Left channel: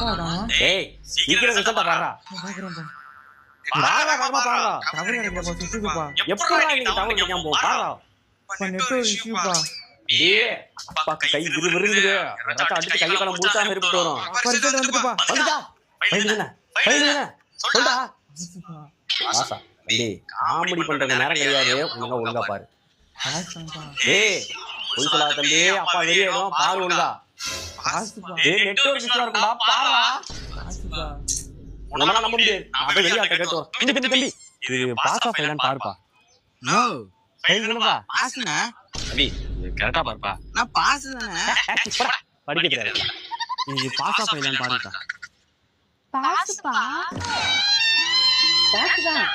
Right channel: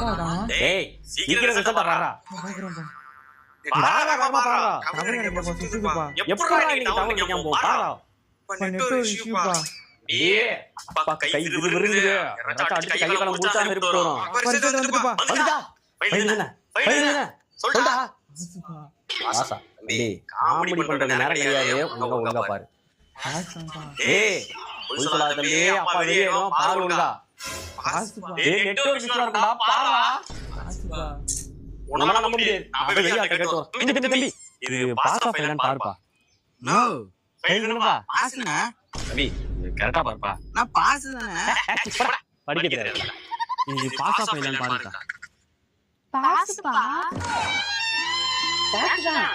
ஏய் சீக்கிரம் ரிசல்ட்ட பாறா. பாறா வேகமா பாறா. டவர் கிடைக்கலப்பா சுத்துதுப்பா. எப்பறா நீங்க டவர் கிடைக்காம போ பாறா. நெட்வொர்க் இஷ்யூப்பா. டேய் அப்பா கை விறுவிறுங்குது. ரத்த அடிச்சு கைய கால முழுசாம இருப்பிட்டு வரும். ரிசல்ட் வந்துட்டுப்பா. வந்துடா. ஃபைல் தானே. சொல்டா. ஆசா. டேய் காமெடி பண்ற நேரம் கிடையாது. ஒழுங்கா பாரு. ஆசம்பா. ஏய் போய் சொல்லாத தம்பி. அப்பா வெளியேடும் பாரு ஒழுங்கா. ஆசுப்பா. ஏய் நெட்வொர்க் இஷ்யூ இருக்குடா பாறா. ஆசுப்பா. உன்னால நம்ப முடியாது. நான் போய் வெளிய ஆட்ட கேட்டு வரேன். தம்பி இது பாஸ் ஆஃப் ஃபைலான்னு பாருப்பா. நோ. ஃபைல் தானப்பா. பாஸ்னா? தம்பி இது கரெக்ட்டா பாருப்பா. நான் பாஸ் தானே. படிக்க தெரியாது. இது பாஸ் ஆஃப் ஃபைலான்னு பாருப்பா. பாஸ்பா பாஸ்தான்